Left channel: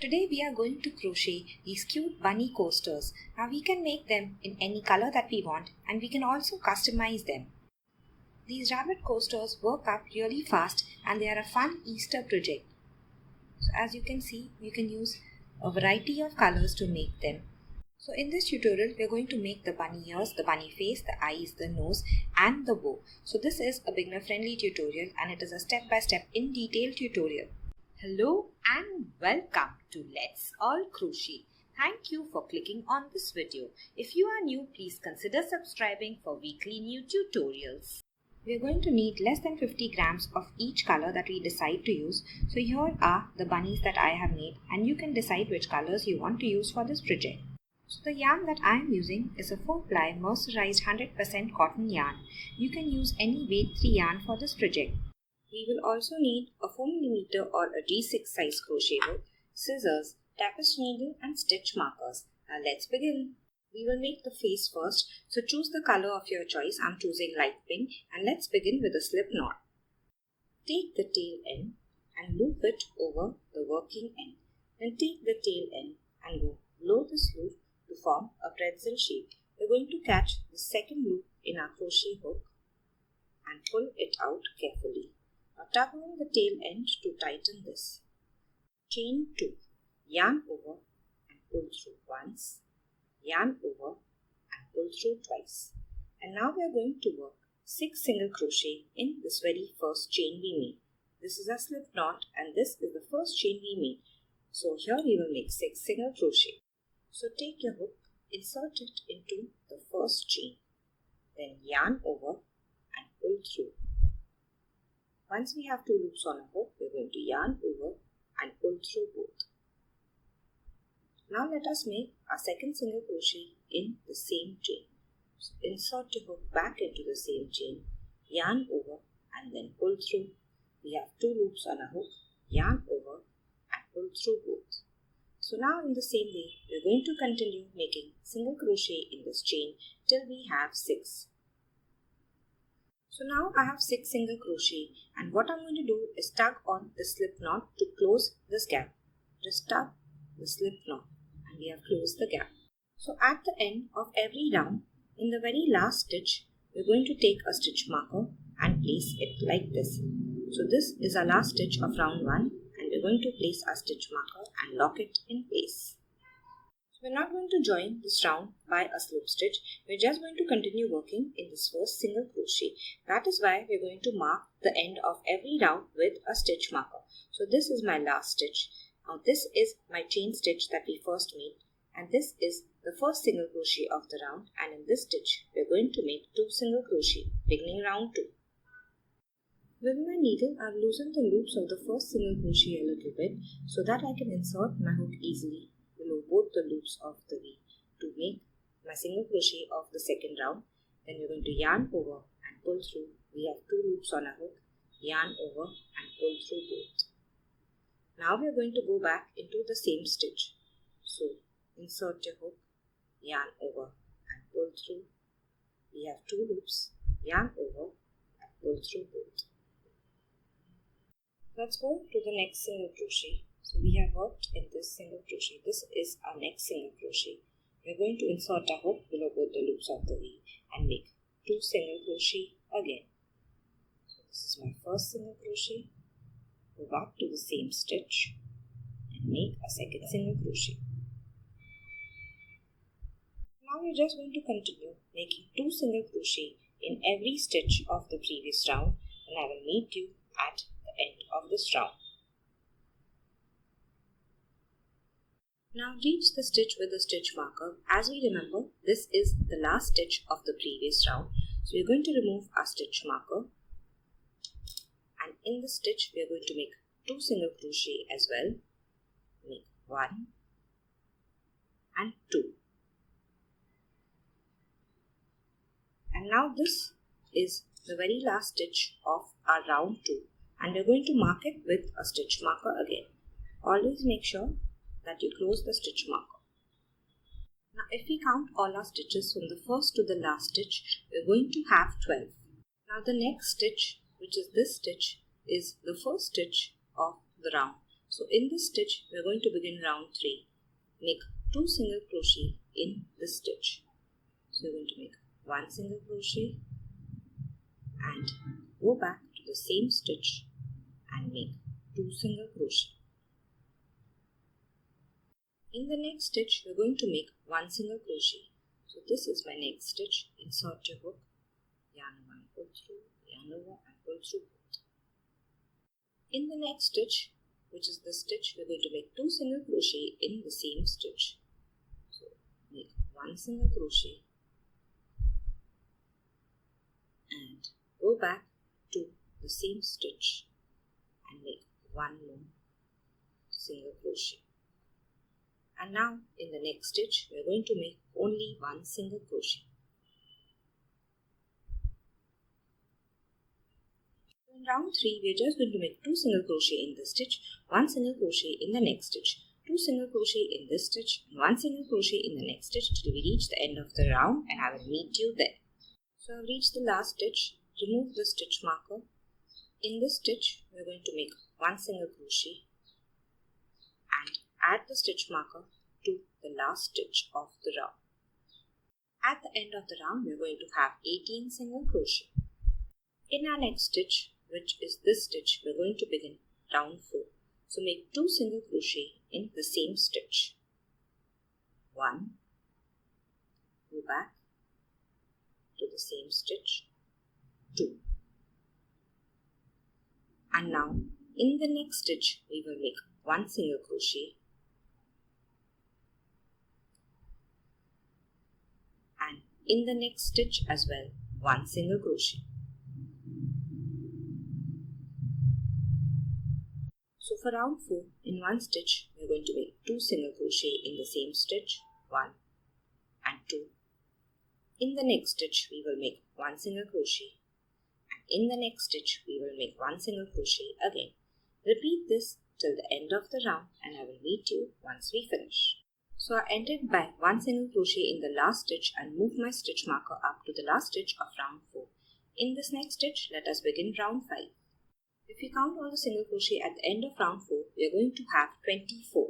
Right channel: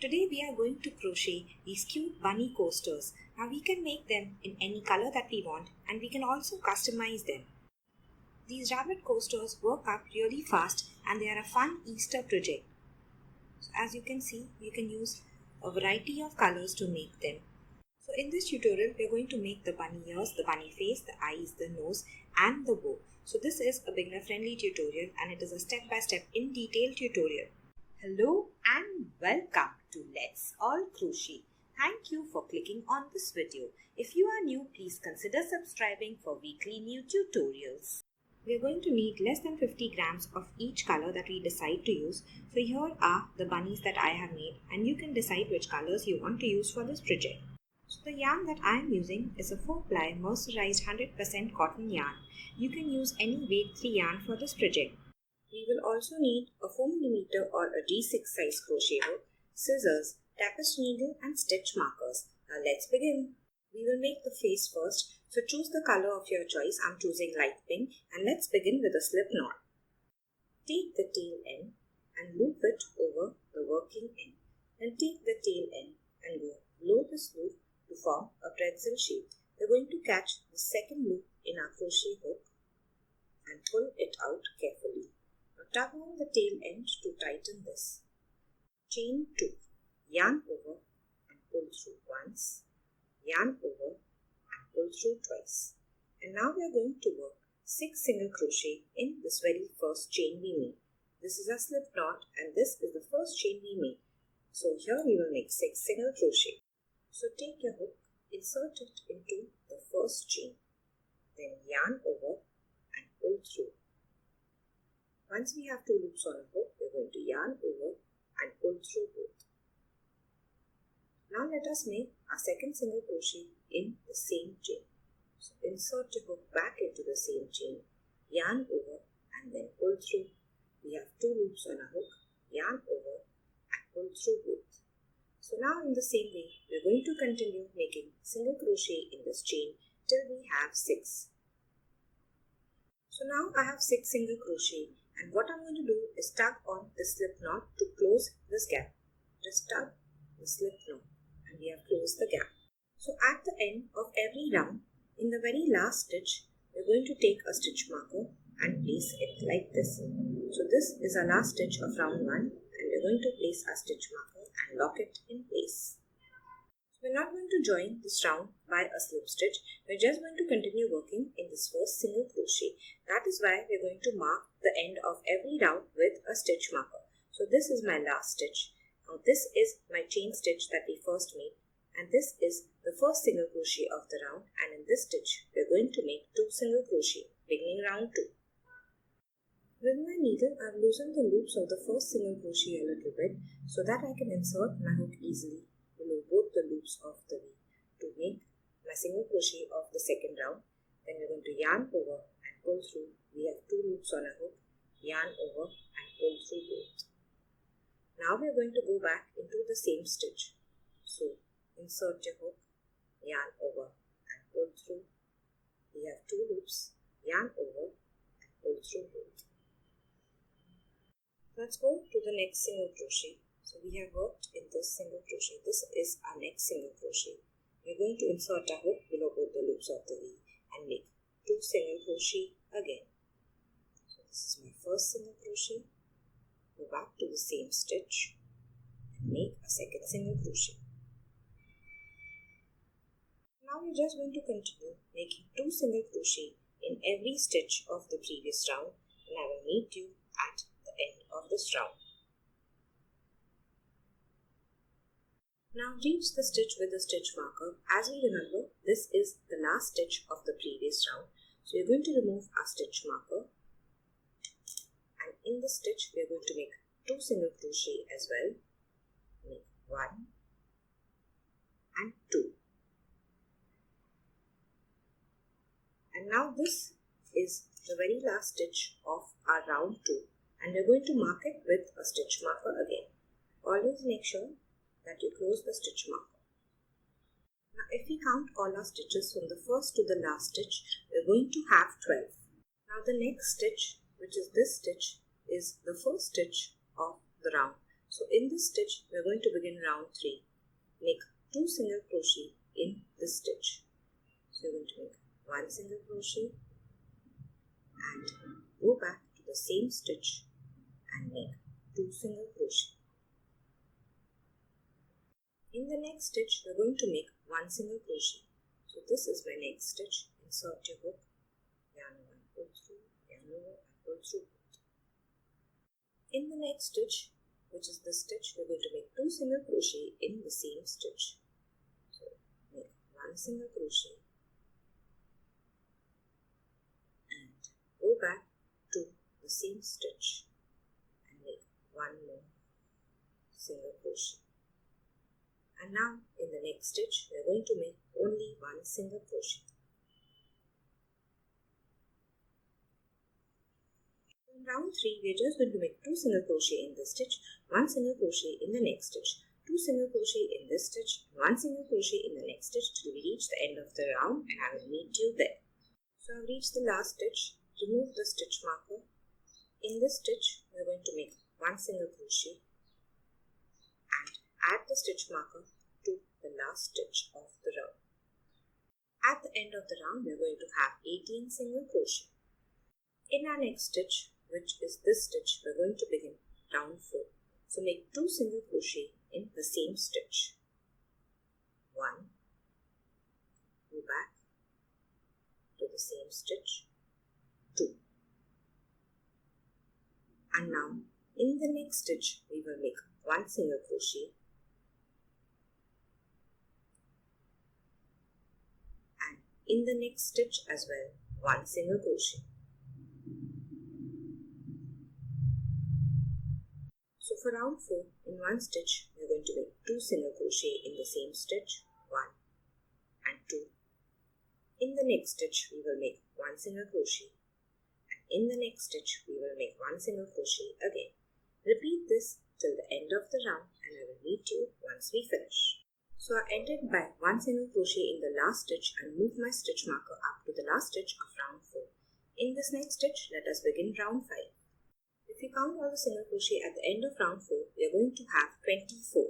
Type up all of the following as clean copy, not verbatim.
Today we are going to crochet these cute bunny coasters. Now we can make them in any color that we want and we can also customize them. These rabbit coasters work up really fast and they are a fun Easter project. So as you can see, you can use a variety of colors to make them. So in this tutorial, we are going to make the bunny ears, the bunny face, the eyes, the nose and the bow. So this is a beginner friendly tutorial and it is a step-by-step in detail tutorial. Hello and welcome to Let's All Crochet. Thank you for clicking on this video. If you are new, please consider subscribing for weekly new tutorials. We are going to need less than 50 grams of each color that we decide to use. So here are the bunnies that I have made and you can decide which colors you want to use for this project. So the yarn that I am using is a 4-ply mercerized 100% cotton yarn. You can use any weight 3 yarn for this project. We will also need a 4mm or a D6 size crochet hook, scissors, tapestry needle and stitch markers. Now let's begin. We will make the face first, so choose the color of your choice. I'm choosing light pink and let's begin with a slip knot. Take the tail end and loop it over the working end. Then take the tail end and go below this loop to form a pretzel shape. We're going to catch the second loop in our crochet hook and pull it out carefully. Now tug on the tail end to tighten this. Chain 2, yarn over and pull through once, yarn over and pull through twice. And now we are going to work 6 single crochet in this very first chain we made. This is a slip knot and this is the first chain we made. So here we will make 6 single crochet. So take your hook, insert it into the first chain, then yarn over and pull through. Once we have 2 loops on a hook, we are going to yarn over and pull through both. Now let us make our second single crochet in the same chain. So insert your hook back into the same chain, yarn over and then pull through. We have 2 loops on a hook, yarn over and pull through both. So now in the same way, we are going to continue making single crochet in this chain till we have 6. So now I have 6 single crochet and what I'm going to do is tug on the slip knot to close this gap. Just tug the slip knot and we have closed the gap. So at the end of every round, in the very last stitch, we're going to take a stitch marker and place it like this. So this is our last stitch of round 1 and we're going to place our stitch marker and lock it in place. We're not going to join this round by a slip stitch. We're just going to continue working in this first single crochet. That is why we're going to mark the end of every round with a stitch marker. So this is my last stitch. Now this is my chain stitch that we first made and this is the first single crochet of the round, and in this stitch we're going to make 2 single crochet beginning round 2. With my needle I've loosened the loops of the first single crochet a little bit so that I can insert my hook easily below both the loops of the V to make my single crochet of the second round. Then we're going to yarn over and pull through. We have 2 loops on a hook, yarn over and pull through both. Now we're going to go back into the same stitch. So insert your hook, yarn over and pull through. We have 2 loops, yarn over and pull through both. Let's go to the next single crochet. So we have worked in this single crochet. This is our next single crochet. We are going to insert a hook below both the loops of the V and make 2 single crochet again. So this is my first single crochet. Go back to the same stitch and make a second single crochet. Now we're just going to continue making 2 single crochet in every stitch of the previous round, and I will meet you at the end of this round. Now reach the stitch with the stitch marker. As we remember, this is the last stitch of the previous round. So we're going to remove our stitch marker and in the stitch we are going to make 2 single crochet as well. Make 1 and 2. And now this is the very last stitch of our round 2 and we're going to mark it with a stitch marker again. Always make sure that you close the stitch marker. Now if we count all our stitches from the first to the last stitch, we're going to have 12. Now the next stitch, which is this stitch, is the first stitch of the round. So in this stitch, we are going to begin round 3. Make 2 single crochet in this stitch. So you're going to make 1 single crochet and go back to the same stitch and make 2 single crochet. In the next stitch, we're going to make 1 single crochet. So this is my next stitch. Insert your hook, yarn over and pull through, yarn over and pull through both. In the next stitch, which is this stitch, we're going to make 2 single crochet in the same stitch. So make 1 single crochet and go back to the same stitch and make 1 more single crochet. And now in the next stitch, we are going to make only 1 single crochet. In round 3, we are just going to make 2 single crochet in this stitch, 1 single crochet in the next stitch, 2 single crochet in this stitch, and 1 single crochet in the next stitch till we reach the end of the round, and I will meet you there. So I have reached the last stitch. Remove the stitch marker. In this stitch, we are going to make 1 single crochet and add the stitch marker to the last stitch of the round. At the end of the round, we are going to have 18 single crochet. In our next stitch, which is this stitch, we are going to begin round 4. So make 2 single crochet in the same stitch. 1, go back to the same stitch, 2. And now in the next stitch, we will make 1 single crochet and in the next stitch as well, 1 single crochet. So for round 4, in one stitch, we are going to make 2 single crochet in the same stitch, 1 and 2. In the next stitch, we will make 1 single crochet and in the next stitch, we will make 1 single crochet again. Repeat this till the end of the round and I will meet you once we finish. So I ended by 1 single crochet in the last stitch and moved my stitch marker up to the last stitch of round 4. In this next stitch, let us begin round 5. If you count all the single crochet at the end of round 4, we are going to have 24.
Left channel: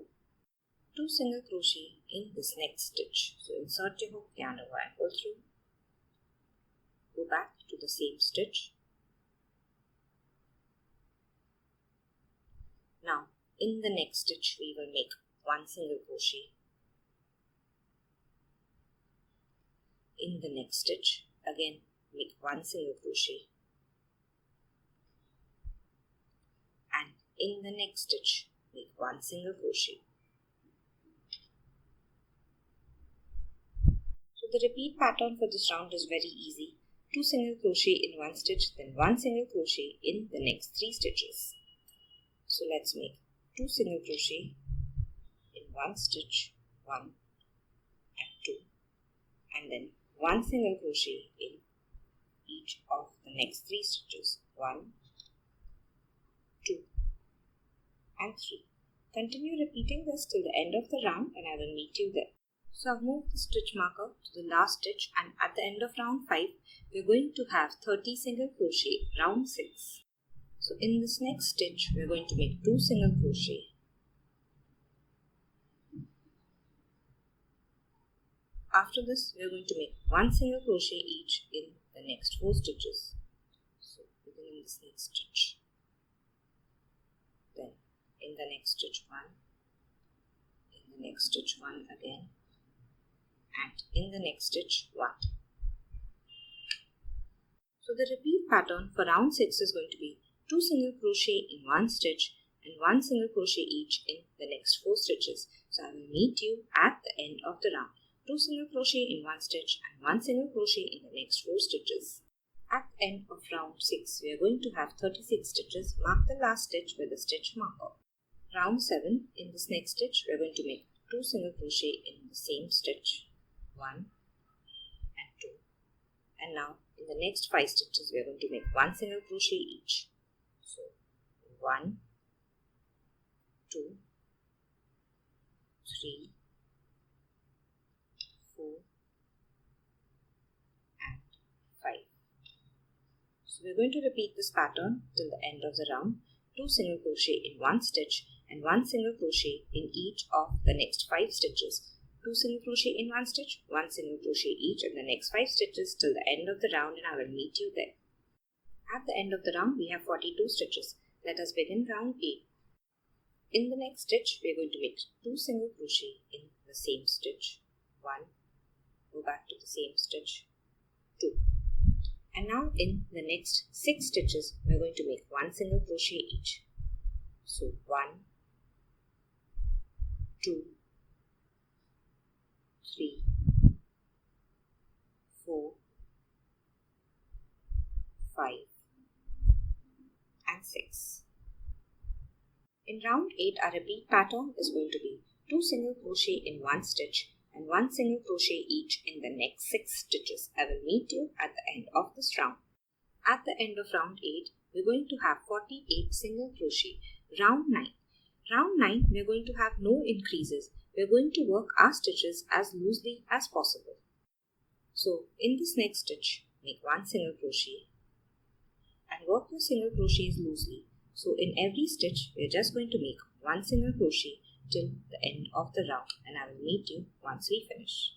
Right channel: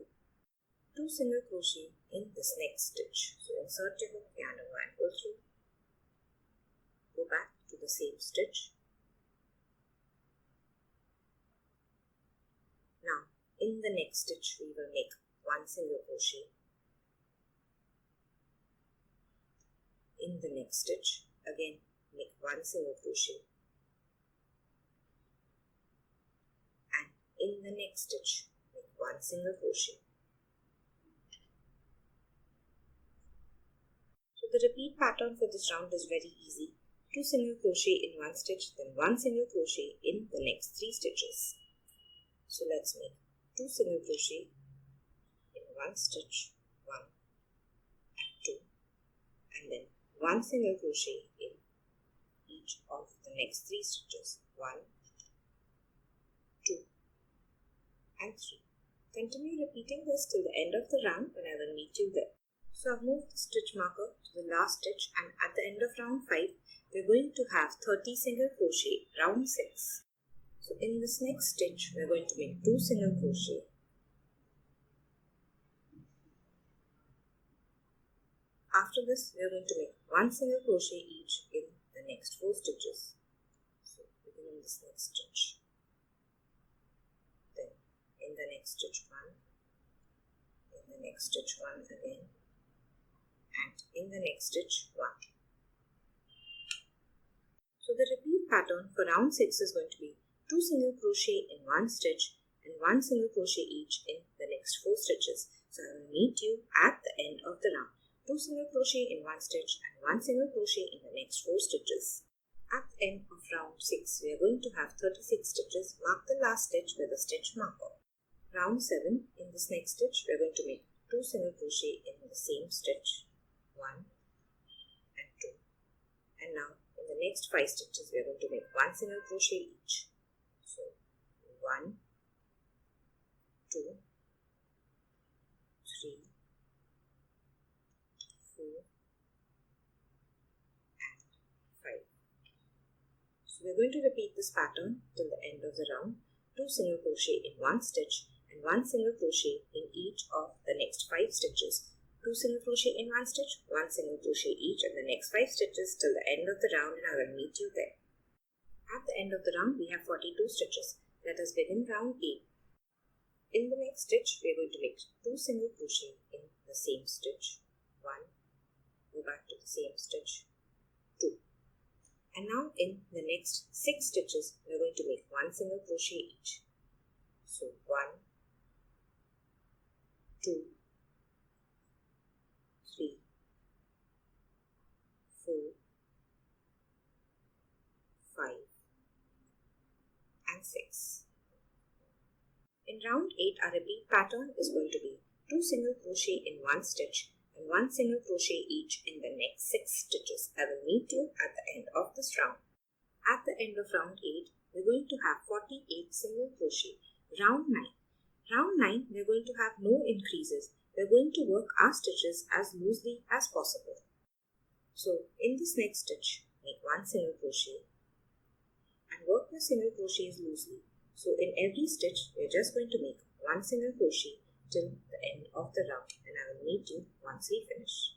2 single crochet in this next stitch. So insert your hook, yarn over and pull through. Go back to the same stitch. Now in the next stitch, we will make 1 single crochet. In the next stitch, again make 1 single crochet. And in the next stitch, make 1 single crochet. So the repeat pattern for this round is very easy. 2 single crochet in one stitch, then 1 single crochet in the next 3 stitches. So let's make 2 single crochet in one stitch, 1 and 2, and then 1 single crochet in each of the next 3 stitches, 1, 2 and 3. Continue repeating this till the end of the round and I will meet you there. So I've moved the stitch marker to the last stitch and at the end of round 5, we're going to have 30 single crochet, round 6. So in this next stitch, we're going to make 2 single crochet. After this, we're going to make 1 single crochet each in the next 4 stitches. So begin in this next stitch. Then in the next stitch 1, in the next stitch 1 again, and in the next stitch 1. So the repeat pattern for round 6 is going to be 2 single crochet in one stitch and 1 single crochet each in the next 4 stitches. So I will meet you at the end of the round. 2 single crochet in one stitch and 1 single crochet in the next 4 stitches. At the end of round 6, we are going to have 36 stitches. Mark the last stitch with a stitch marker. Round 7, in this next stitch, we are going to make 2 single crochet in the same stitch, 1 and 2. And now in the next 5 stitches, we are going to make 1 single crochet each. So 1, 2, 3, 4 and 5. So we are going to repeat this pattern till the end of the round. 2 single crochet in one stitch and 1 single crochet in each of the next 5 stitches. 2 single crochet in one stitch, 1 single crochet each in the next 5 stitches till the end of the round, and I will meet you there. At the end of the round we have 42 stitches. Let us begin round 8. In the next stitch we are going to make 2 single crochet in the same stitch. 1, go back to the same stitch, 2. And now in the next 6 stitches we are going to make 1 single crochet each. So 1, 2, 3, 4, 5 and 6. In round 8 our repeat pattern is going to be 2 single crochet in one stitch and 1 single crochet each in the next 6 stitches. I will meet you at the end of this round. At the end of round 8 we are going to have 48 single crochet. Round 9. Round 9 we are going to have no increases. We are going to work our stitches as loosely as possible. So in this next stitch make 1 single crochet and work your single crochets loosely. So in every stitch we are just going to make 1 single crochet till the end of the round, and I will meet you once we finish.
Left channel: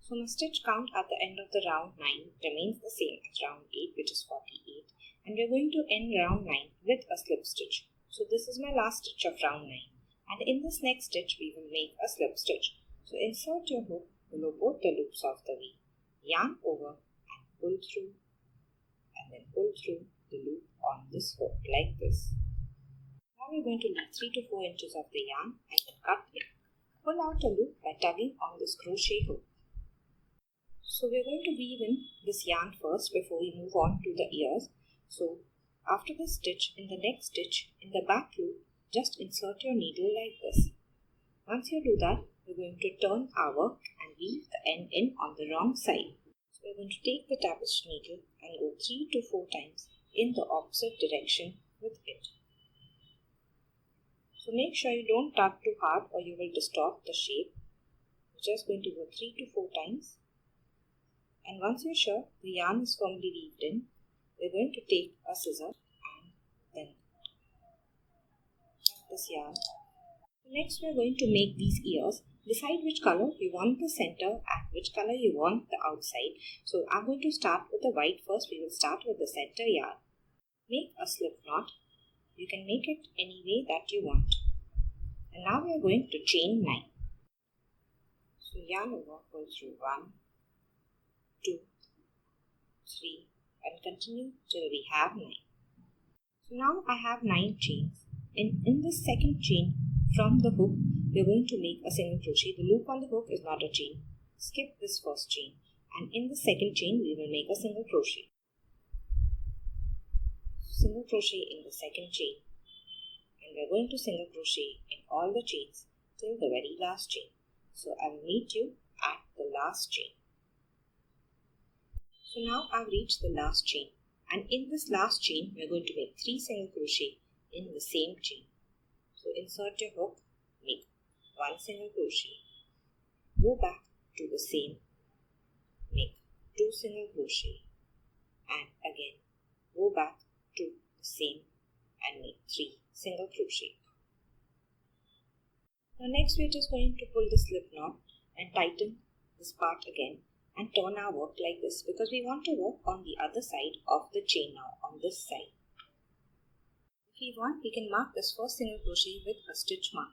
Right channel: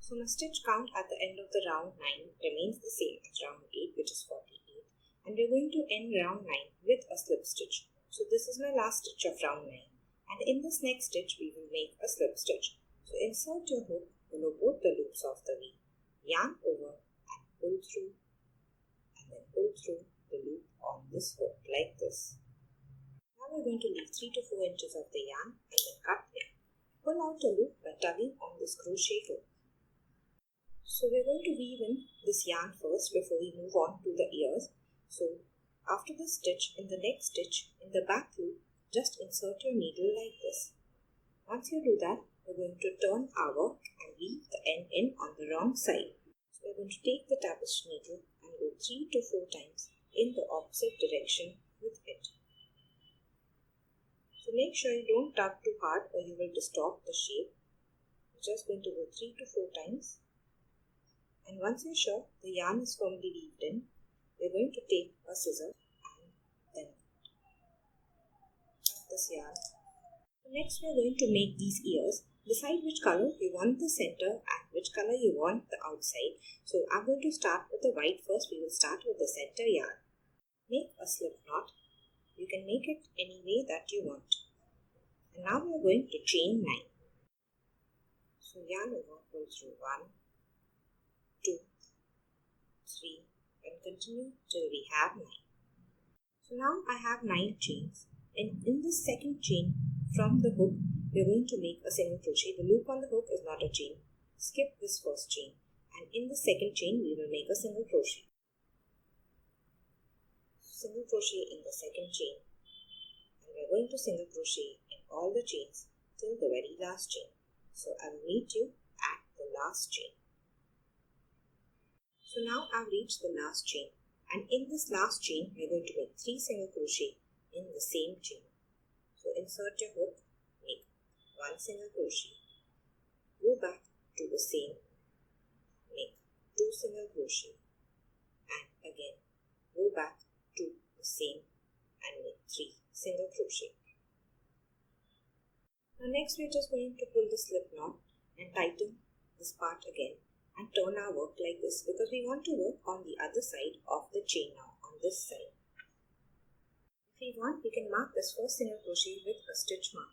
So my stitch count at the end of the round 9 remains the same as round 8, which is 48, and we are going to end round 9 with a slip stitch. So this is my last stitch of round 9, and in this next stitch we will make a slip stitch. So insert your hook below both the loops of the V, yarn over and pull through, and then pull through the loop on this hook like this. Now we are going to leave 3 to 4 inches of the yarn and then cut it. Pull out a loop by tugging on this crochet hook. So we are going to weave in this yarn first before we move on to the ears. So after this stitch, in the next stitch, in the back loop, just insert your needle like this. Once you do that, we are going to turn our work and weave the end in on the wrong side. So we are going to take the tapestry needle and go 3 to 4 times in the opposite direction with it. So make sure you don't tug too hard or you will distort the shape. We're just going to go 3 to 4 times. And once you're sure the yarn is firmly weaved in, we're going to take a scissor and then cut this yarn. So next we're going to make these ears. Decide which color you want the center and which color you want the outside. So I'm going to start with the white first. We will start with the center yarn. Make a slip knot. You can make it any way that you want. And now we are going to chain 9. So yarn over, pull through 1, 2, 3 and continue till we have 9. So now I have 9 chains. In this second chain from the hook, we are going to make a single crochet. The loop on the hook is not a chain. Skip this first chain, and in the second chain we will make a single crochet. Single crochet in the second chain, and we are going to single crochet in all the chains till the very last chain. So I will meet you at the last chain. So now I've reached the last chain, and in this last chain we are going to make 3 single crochet in the same chain. So insert your hook, make 1 single crochet, go back to the same, make 2 single crochet, and again go back to the same and make 3 single crochet. Now next we are just going to pull the slip knot and tighten this part again and turn our work like this, because we want to work on the other side of the chain now, on this side. If we want, we can mark this first single crochet with a stitch marker.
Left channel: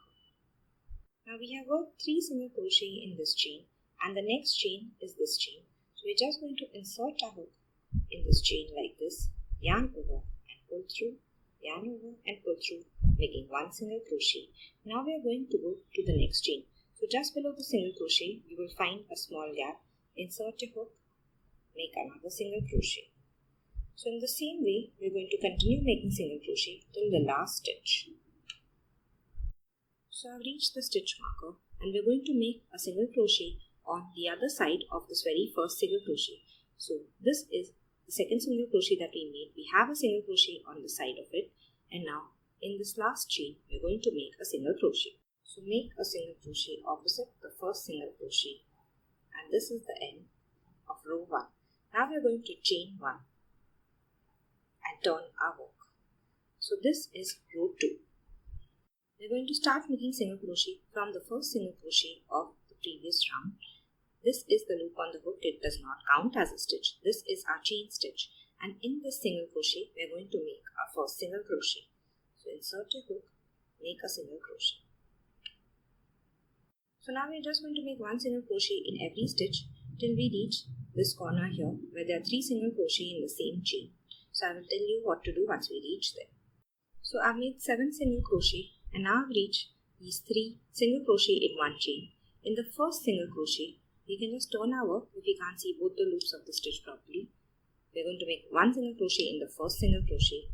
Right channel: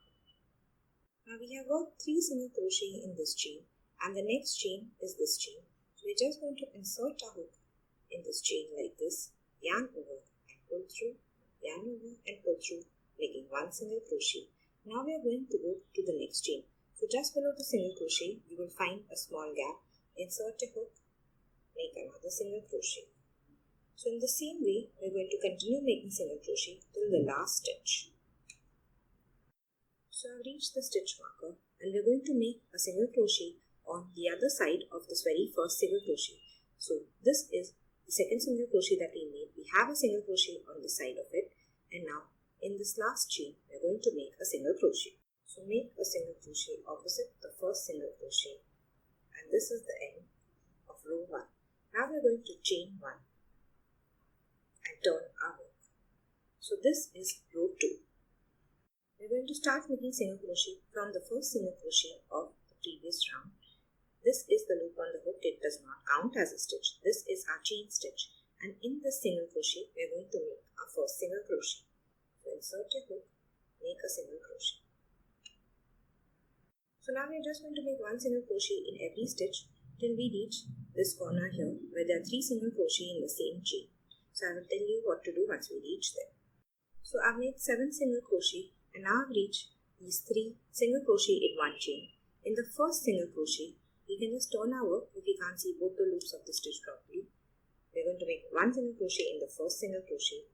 Now we have worked 3 single crochet in this chain, and the next chain is this chain. So we're just going to insert our hook in this chain like this, yarn over and pull through, yarn over and pull through, making 1 single crochet. Now we are going to go to the next chain. So just below the single crochet, you will find a small gap. Insert your hook, make another single crochet. So in the same way, we're going to continue making single crochet till the last stitch. So I've reached the stitch marker, and we're going to make a single crochet on the other side of this very first single crochet. So this is the second single crochet that we made. We have a single crochet on the side of it, and now in this last chain, we're going to make a single crochet. So make a single crochet opposite the first single crochet, and this is the end of row 1. Now we're going to chain 1 and turn our work. So this is row 2. We're going to start making single crochet from the first single crochet of the previous round. This is the loop on the hook. It does not count as a stitch. This is our chain stitch. And in this single crochet, we're going to make our first single crochet. So insert your hook, make a single crochet. So now we're just going to make one single crochet in every stitch till we reach this corner here where there are 3 single crochet in the same chain. So I will tell you what to do once we reach there. So I've made 7 single crochet and now I've reached these 3 single crochet in one chain. In the first single crochet, we can just turn our work if we can't see both the loops of the stitch properly. We're going to make 1 single crochet in the first single crochet,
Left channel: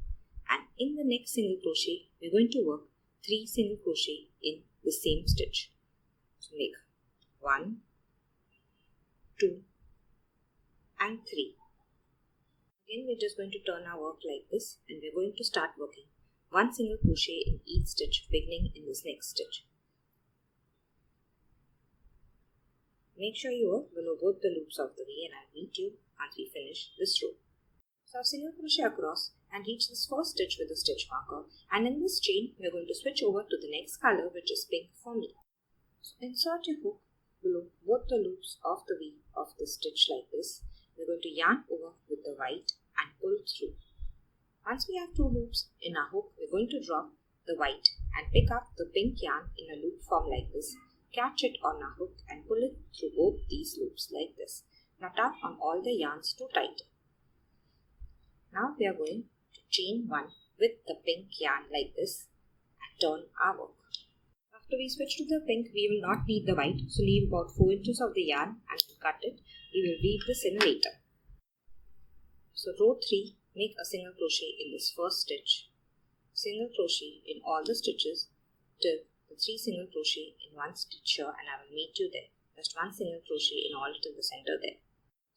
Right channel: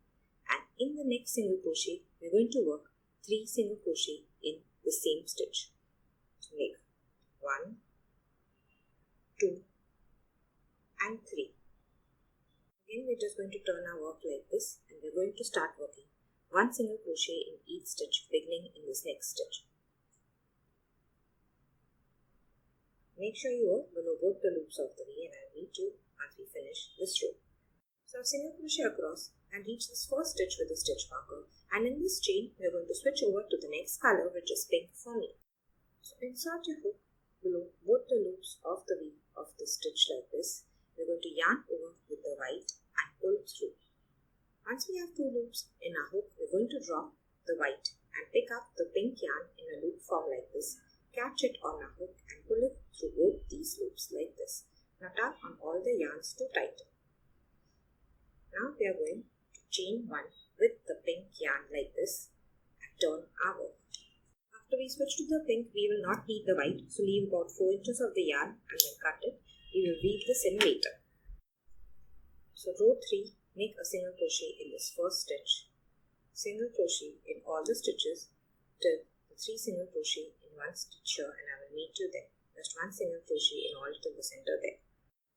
and in the next single crochet, we're going to work 3 single crochet in the same stitch. So make 1, 2 and 3. Again, we're just going to turn our work like this and we're going to start working 1 single crochet in each stitch beginning in this next stitch. Make sure you work below both the loops of the V and I'll meet you once we finish this row. So I've single crochet across and reach this first stitch with a stitch marker, and in this chain we're going to switch over to the next color, which is pink for me. So insert your hook below both the loops of the V of the stitch like this. We're going to yarn over with the white and pull through. Once we have 2 loops in our hook, we're going to drop the white and pick up the pink yarn in a loop form like this. Catch it on our hook and pull it through both these loops like this. Now tap on all the yarns to tighten. Now we are going to chain 1 with the pink yarn like this and turn our work. After we switch to the pink, we will not need the white, so leave about 4 inches of the yarn and then cut it. We will weave this in later. So row 3, make a single crochet in this first stitch, single crochet in all the stitches till the 3 single crochet in one stitch here, and I will meet you there. Just 1 single crochet in all till the center there.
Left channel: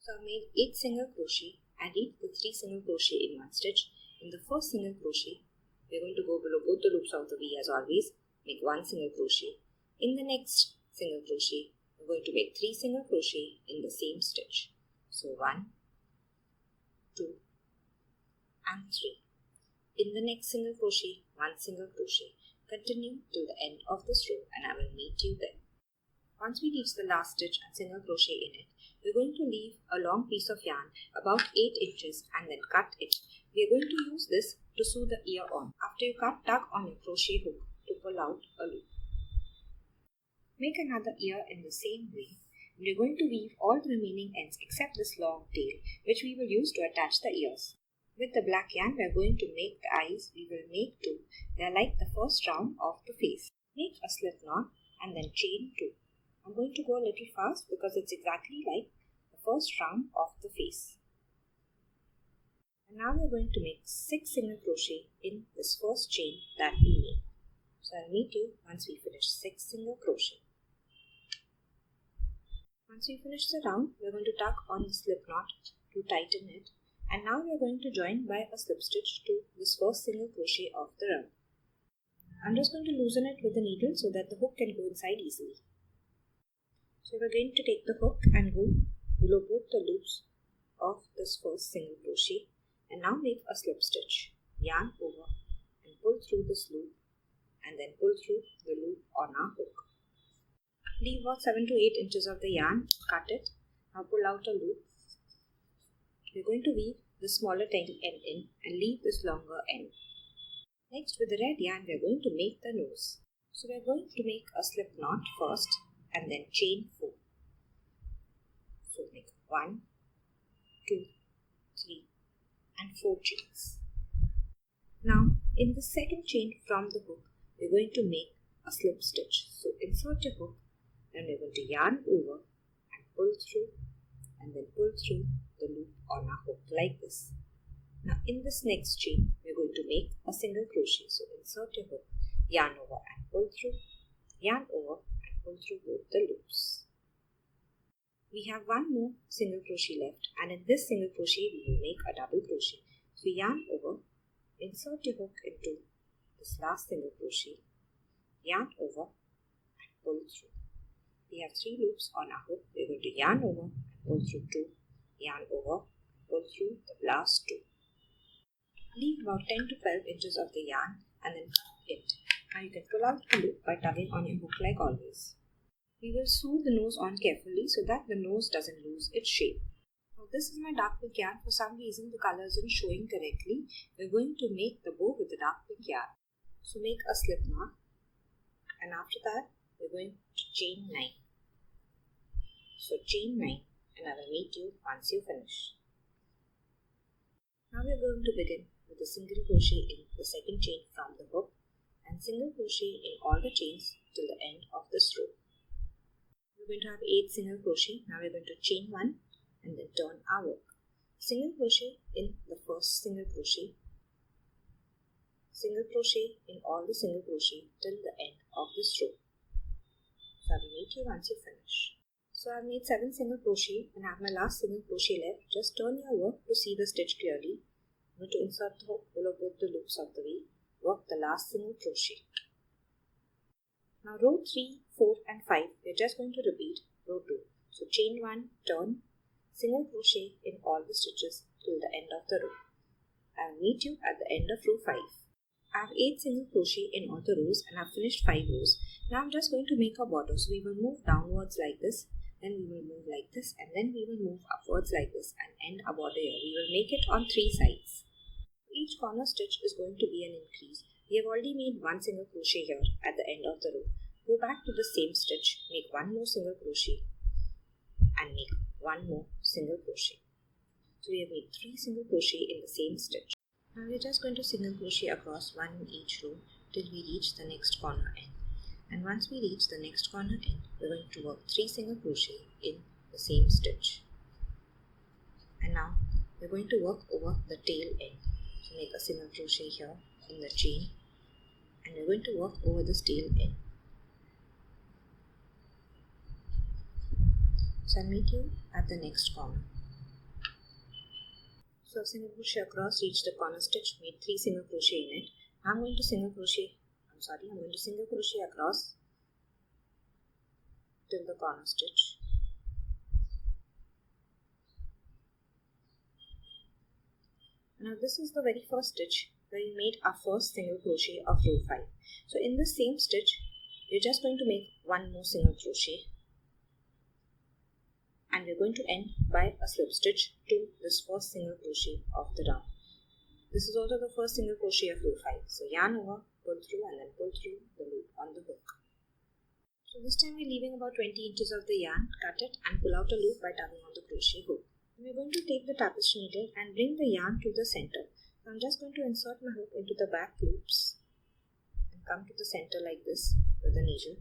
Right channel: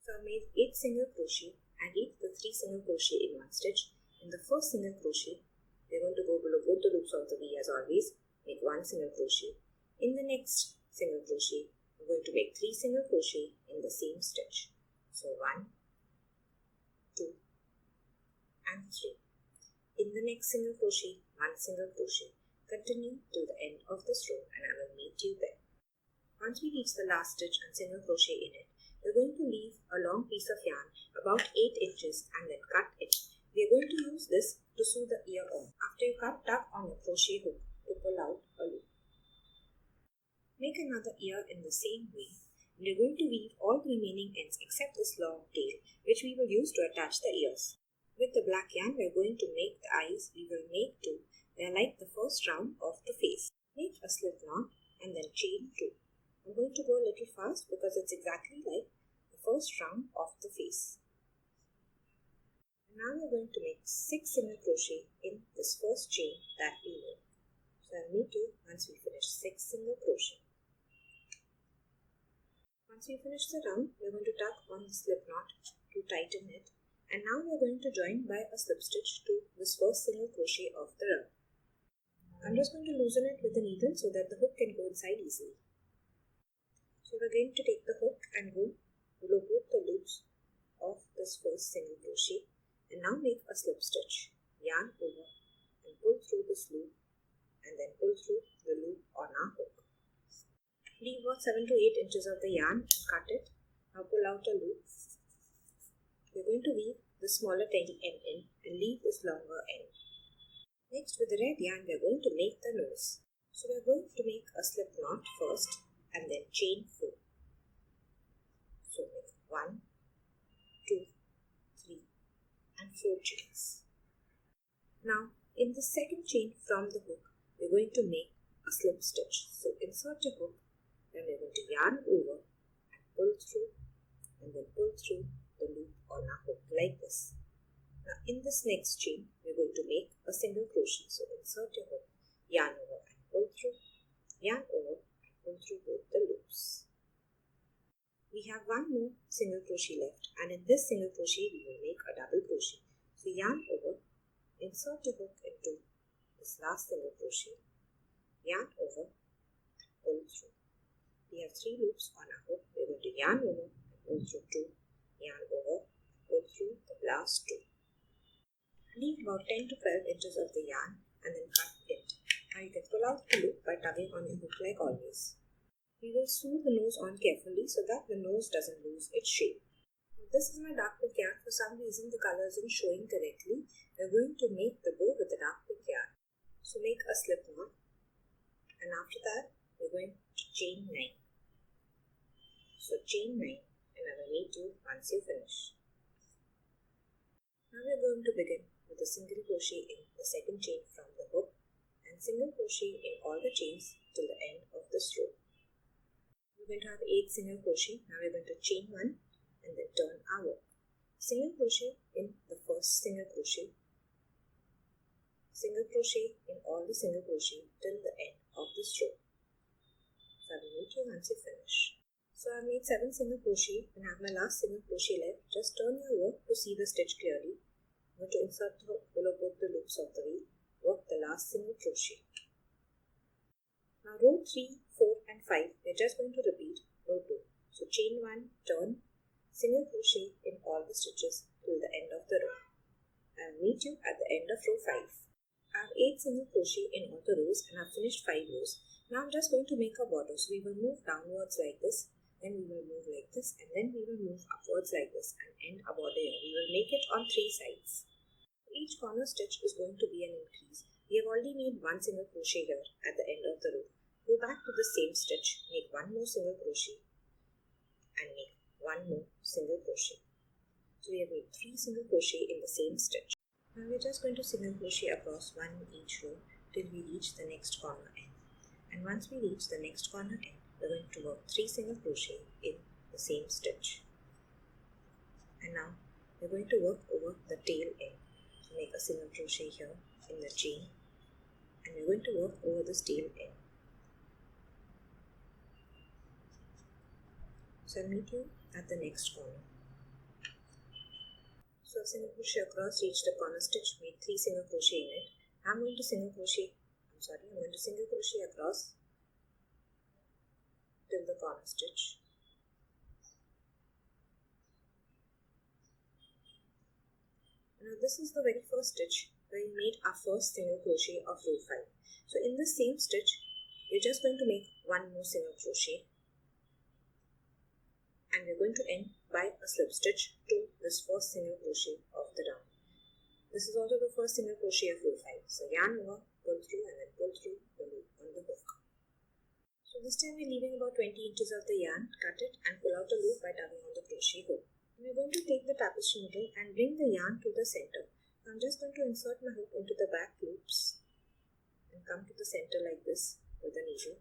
So I made 8 single crochet and reach the 3 single crochet in one stitch. In the first single crochet, we are going to go below both the loops of the V as always, make 1 single crochet. In the next single crochet, we're going to make 3 single crochet in the same stitch. So 1, 2 and 3. In the next single crochet, 1 single crochet. Continue till the end of this row and I will meet you there. Once we reach the last stitch and single crochet in it, we're going to leave a long piece of yarn about 8 inches and then cut it. We are going to use this to sew the ear on. After you cut, tug on your crochet hook to pull out a loop. Make another ear in the same way. We're going to weave all the remaining ends except this long tail, which we will use to attach the ears. With the black yarn, we're going to make the eyes. We will make 2. They are like the first round of the face. Make a slip knot and then chain 2. I'm going to go a little fast because it's exactly like the first round of the face. And now we're going to make 6 single crochet in this first chain that we made. So I'll meet you once we finish 6 single crochet. Once we finish the round, we're going to tuck on the slip knot to tighten it. And now we are going to join by a slip stitch to this first single crochet of the round. I'm just going to loosen it with the needle so that the hook can go inside easily. So we're going to take the hook and go below both the loops of this first single crochet and now make a slip stitch. Yarn over and pull through this loop and then pull through the loop on our hook. Leave about 7 to 8 inches of the yarn and cut it. Now pull out a loop. We're going to weave the smaller end in and leave this longer end. Next, with the red yarn, we're going to make the nose. So we're going to make a slip knot first and then chain 4. So make 1, 2, 3 and 4 chains. Now, in the second chain from the hook, we're going to make a slip stitch. So insert your hook and we're going to yarn over and pull through and then pull through the loop on our hook like this. Now in this next chain, we're going to make a single crochet. So insert your hook, yarn over and pull through, yarn over and pull through both the loops. We have 1 more single crochet left, and in this single crochet we will make a double crochet. So yarn over, insert your hook into this last single crochet, yarn over and pull through. We have 3 loops on our hook. We're going to yarn over and pull through 2, yarn over, pull through the last 2. Leave about 10 to 12 inches of the yarn and then cut it. Now you can pull out the loop by tugging on your hook like always. We will sew the nose on carefully so that the nose doesn't lose its shape. Now this is my dark pink yarn. For some reason the color isn't showing correctly. We're going to make the bow with the dark pink yarn. So make a slip knot, and after that we're going to chain 9. So chain 9, and I will meet you once you finish. Now we're going to begin with a single crochet in the second chain from the hook and single crochet in all the chains till the end of this row. We're going to have 8 single crochet. Now we're going to chain 1 and then turn our work. Single crochet in the first single crochet, single crochet in all the single crochet till the end of this row. So I will meet you once you finish. So I've made 7 single crochet and I have my last single crochet left. Just turn your work to see the stitch clearly. I'm going to insert the hook below both the loops of the V. Work the last single crochet. Now row 3, 4 and 5 we're just going to repeat row 2. So chain 1, turn, single crochet in all the stitches till the end of the row. I will meet you at the end of row 5. I have 8 single crochet in all the rows and I've finished 5 rows. Now I'm just going to make a border. So we will move downwards like this, then we will move like this, and then we will move upwards like this and end a border here. We will make it on 3 sides. Each corner stitch is going to be an increase. We have already made 1 single crochet here at the end of the row. Go back to the same stitch, make 1 more single crochet and make 1 more single crochet. So we have made 3 single crochet in the same stitch. Now we are just going to single crochet across 1 in each row till we reach the next corner end. And once we reach the next corner end, we're going to work 3 single crochet in the same stitch. And now we're going to work over the tail end. So make a single crochet here in the chain, and we're going to work over this tail end. So I'll meet you at the next corner. So single crochet across, reach the corner stitch, made 3 single crochet in it. I'm going to single crochet across till the corner stitch. Now this is the very first stitch where we made our first single crochet of row 5. So in the same stitch, we're just going to make 1 more single crochet, and we're going to end by a slip stitch to this first single crochet of the round. This is also the first single crochet of row 5. So yarn over, pull through, and then pull through the loop on the hook. So this time we're leaving about 20 inches of the yarn, cut it and pull out a loop by tugging on the crochet hook. We're going to take the tapestry needle and bring the yarn to the center. So I'm just going to insert my hook into the back loops and come to the center like this with the needle.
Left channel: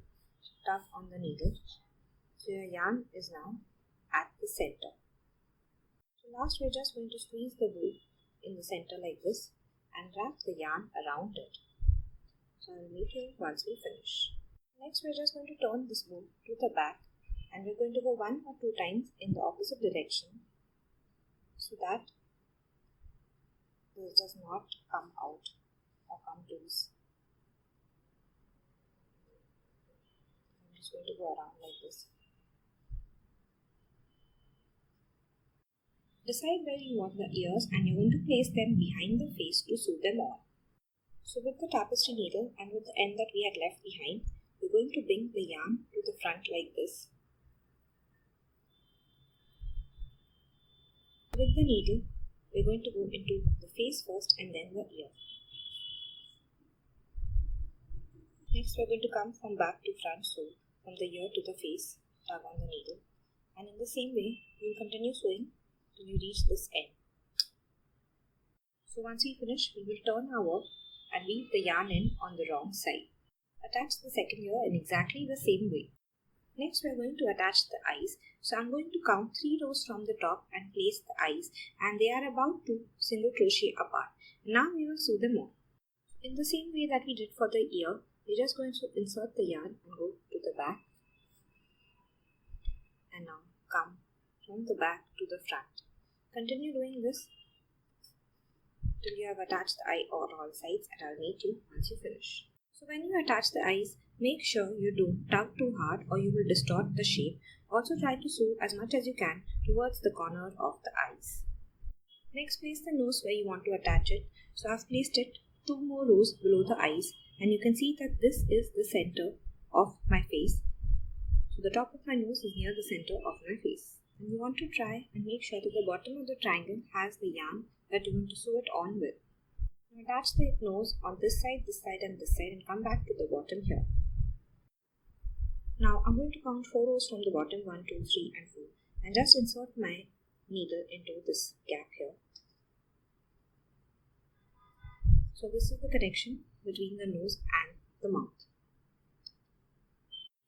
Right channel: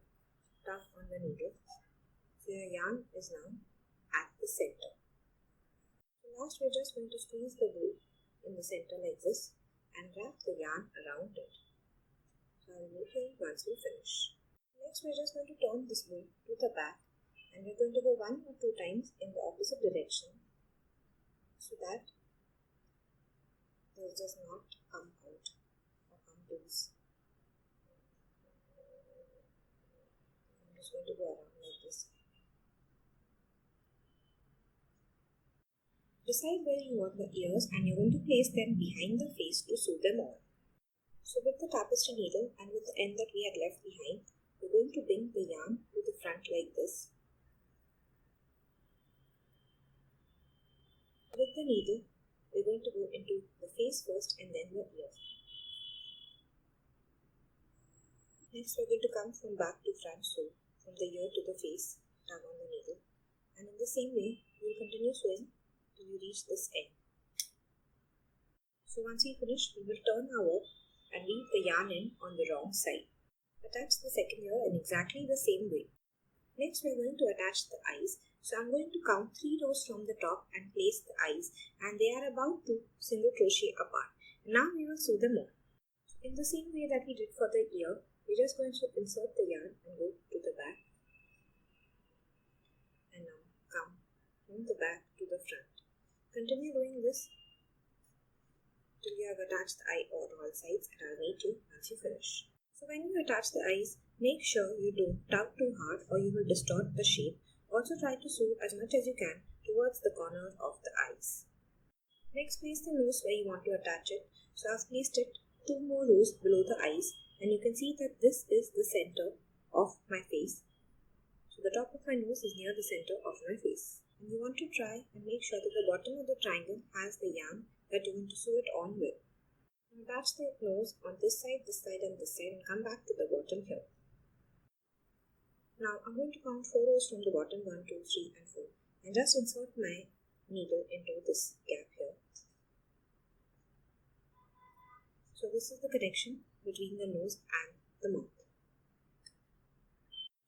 Tug on the needle. So your yarn is now at the center. So last we're just going to squeeze the wool in the center like this and wrap the yarn around it. So I'll meet you once we finish. Next we're just going to turn this wool to the back, and we're going to go 1 or 2 times in the opposite direction so that this does not come out or come loose. I'm just going to go around like this. Decide where you want the ears, and you're going to place them behind the face to sew them on. So with the tapestry needle and with the end that we had left behind, we're going to bring the yarn to the front like this. With the needle, we're going to go into the face first and then the ear. Next we're going to come from back to front, so from the ear to the face, tug on the needle, and in the same way we'll continue sewing till you reach this end. So once we finish, we will turn our work and weave the yarn in on the wrong side. Attach the second ear in exactly the same way. Next we are going to attach the eyes. So I'm going to count 3 rows from the top and place the eyes, and they are about 2 single crochet apart. Now we will sew them on. In the same way that we did for the ear, we're just going to insert the yarn and go to the back, and now come from the back to the front. Continue doing this till you have attached the eye on all sides, and I'll meet you once you finish. So when you attach the eyes, make sure you don't tug too hard or you will distort the shape. Also try to sew as much as you can towards the corner of the eyes. Next, place the nose where you want to attach it. So I've placed it 2 more rows below the eyes, and you can see that this is the center of my face. So the top of my nose is near the center of my face. And you want to try and make sure that the bottom of the triangle has the yarn that you want to sew it on with. Now attach the nose on this side, and this side, and come back to the bottom here. Now I'm going to count 4 rows from the bottom, 1, 2, 3 and 4, and just insert my needle into this gap here. So this is the connection between the nose and the mouth.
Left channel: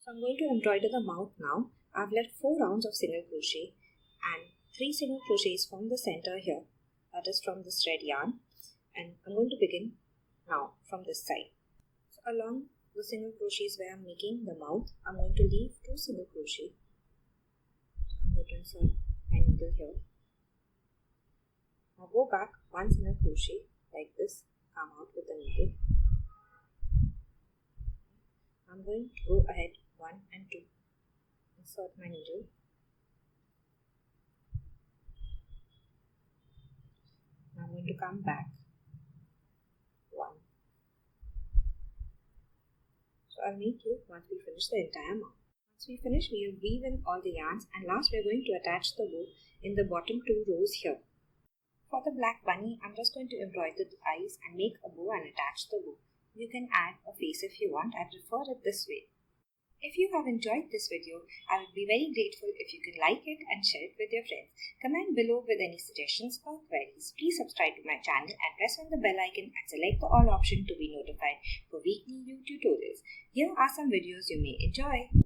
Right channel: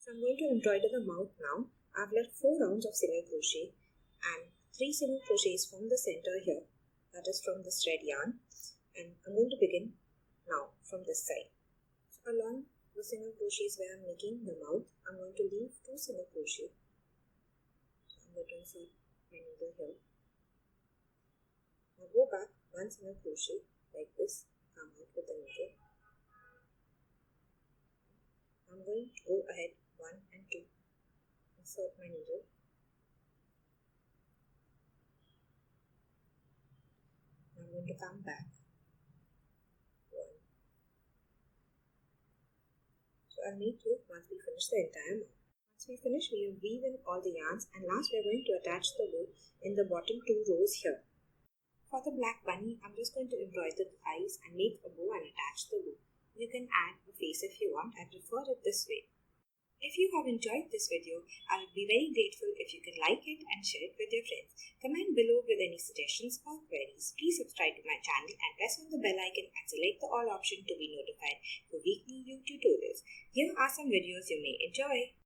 So I'm going to embroider the mouth now. I've left 4 rounds of single crochet and 3 single crochets from the center here, that is from this red yarn, and I'm going to begin now from this side. So along the single crochets where I'm making the mouth, I'm going to leave 2 single crochet. So I'm going to insert my needle here. Now go back 1 single crochet like this, come out with the needle. I'm going to go ahead 1 and 2, insert my needle. Now I'm going to come back 1. So I'll meet you once we finish the entire mouth. Once we finish, we will weave in all the yarns, and last we are going to attach the bow in the bottom 2 rows here. For the black bunny, I'm just going to embroider the eyes and make a bow and attach the bow. You can add a face if you want. I prefer it this way. If you have enjoyed this video, I would be very grateful if you can like it and share it with your friends. Comment below with any suggestions or queries. Please subscribe to my channel and press on the bell icon and select the all option to be notified for weekly new tutorials. Here are some videos you may enjoy.